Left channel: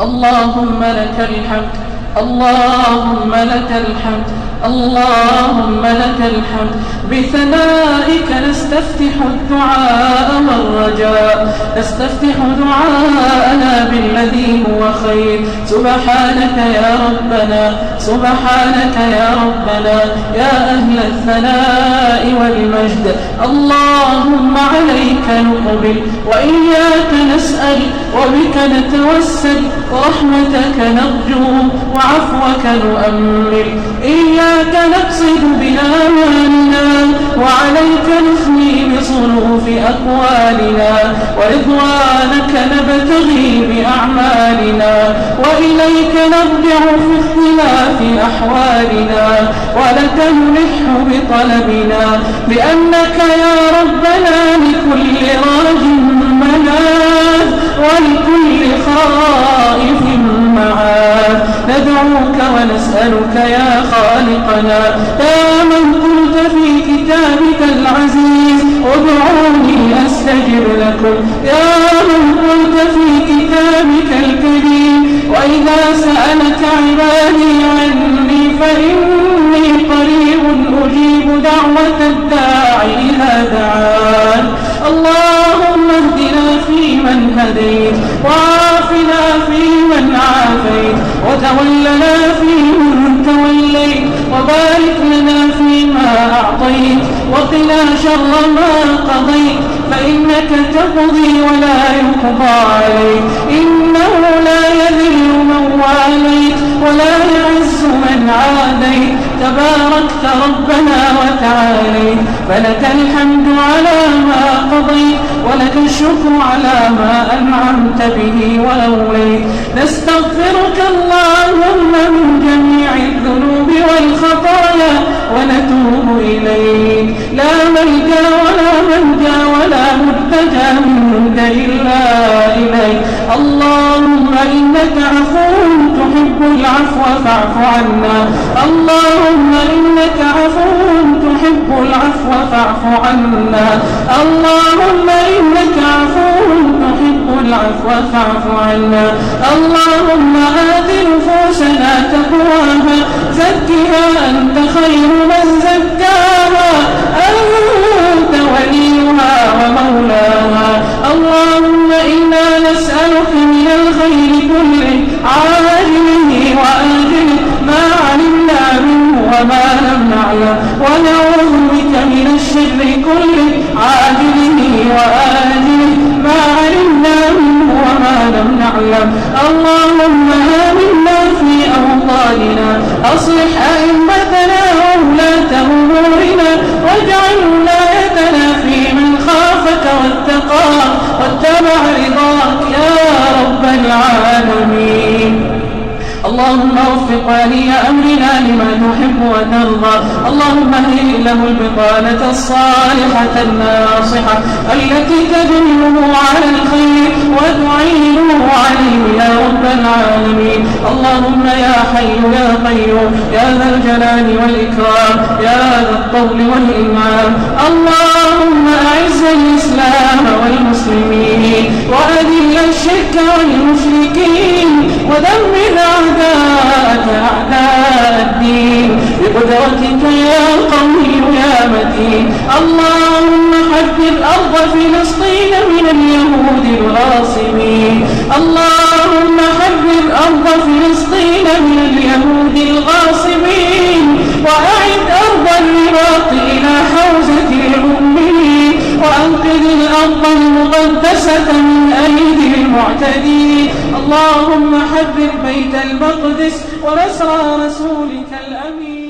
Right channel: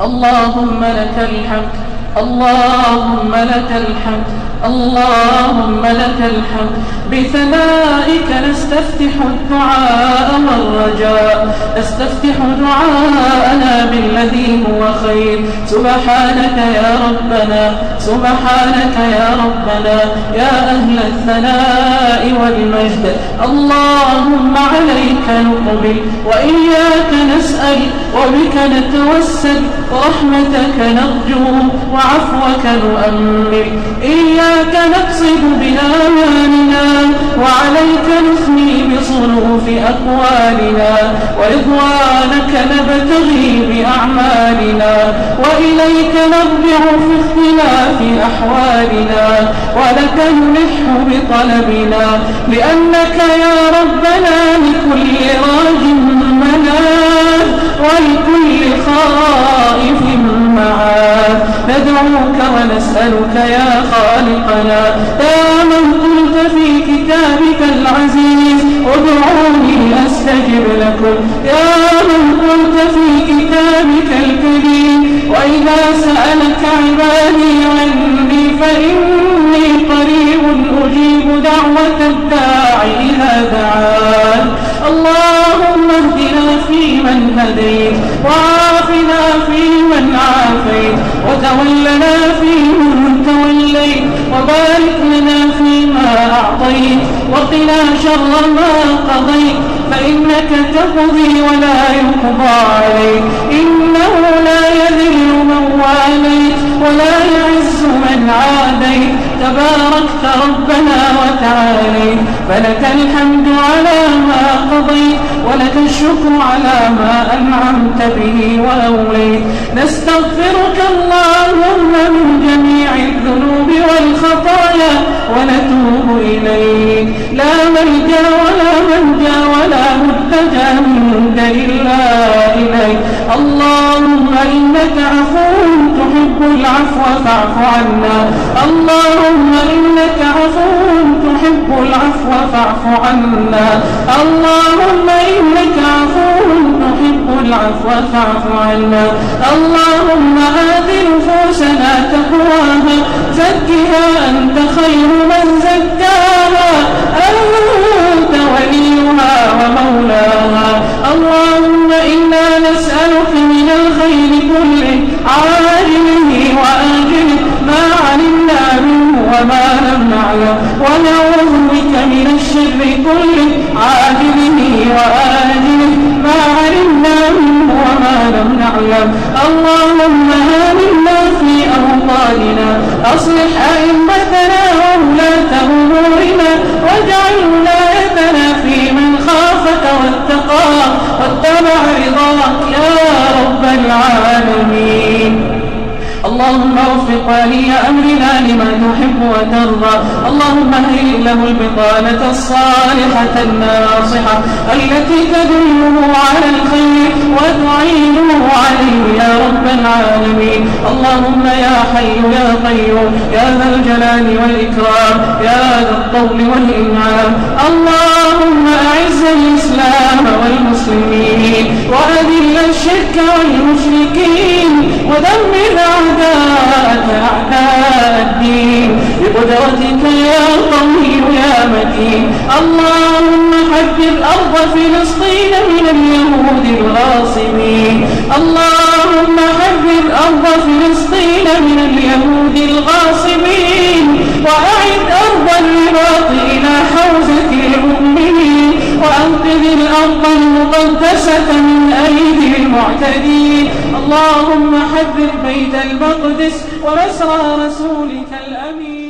اللهم لك الحمد، اللهم لك الحمد، اللهم لك الحمد. بثنائك نستفتح الدعاء والرجاء، نستفتح دعاءنا بالذي هو خير. سبحانك يا ربنا، سبحانك يا ربنا، يا أهل الثناء والمجد. اللهم عليك نؤمن وإياك نسأل وبك نتوسل، رحمتك نرجو وعفوك نؤمل. إياك نقصد بآمالنا وعليك نثني بصروف أقوالنا، ورضوانك نبتغي بأعمالنا، وإليك نرجع في اختلاف أحوالنا، ولك المح بطلبنا، لأنك يا ربنا لكل راج مناد ولكل خائف معاد. ندعوك ونسألك يا خالقنا، يا من قلت في كتابك العزيز ادعوني أستجب لكم، يا من قلت في كتابك الكريم وإذا سألك عبادي عني فإني قريب أجيب دعوة الداعي إذا دعان. اللهم اهدنا فيمن هديت، وعافنا فيمن عافيت، وتولنا فيمن توليت، وبارك لنا فيما أعطيت، وقنا شر ما قضيت، فإنك تقضي ولا يقضى عليك، إنه لا يذل من واليت ولا يعز من عاديت، تباركت ربنا وتعاليت. فلك الحمد على ما قضيت، ولك الشكر على ما أنعمت به وأوليت. نستغفرك اللهم من جميع الذنوب والخطايا ونتوب إليك، لا ملجأ ولا ملجأ ولا ملتجأ منك إلا إليك. اللهم إنك عفو تحب العفو فاعف عنا، اللهم إنك عفو تحب العفو فاعف عنا، اللهم إنك عفو تحب العفو فاعف عنا. اللهم آت نفوسنا تقواها، زكها أنت خير من زكاها، أنت وليها ومولاها. اللهم إنا نسألك من الخير كله عاجله وآجله ما علمنا منه وما لم نعلم، ونعوذ بك من الشر كله عاجله وآجله ما علمنا منه وما لم نعلم. اللهم آمنا في أوطاننا، أصلح أئمتنا وولاة أمورنا، واجعل ولايتنا في من خافك واتقاك واتبع رضاك يا رب العالمين. اللهم وفق ولي أمرنا لما تحب وترضى، اللهم اهل له البطانة الصالحة الناصحة التي تدله على الخير وتعينه عليه يا رب العالمين. اللهم يا حي يا قيوم يا ذا الجلال والإكرام يا ذا الطول والإنعام، اللهم أعز الإسلام والمسلمين وأذل الشرك والمشركين ودمر أعداءك أعداء الدين بقدرتك يا قوي يا متين. اللهم حدث أرض فلسطين من اليهود الغاصبين، اللهم حدث أرض فلسطين من اليهود الغاصبين، وأعد أرض العراق إلى حوزة الأمين، وأنقذ الأرض المقدسة من أيدي المعتدين. اللهم حدث بيت المقدس ومسرى رسولك الأمين.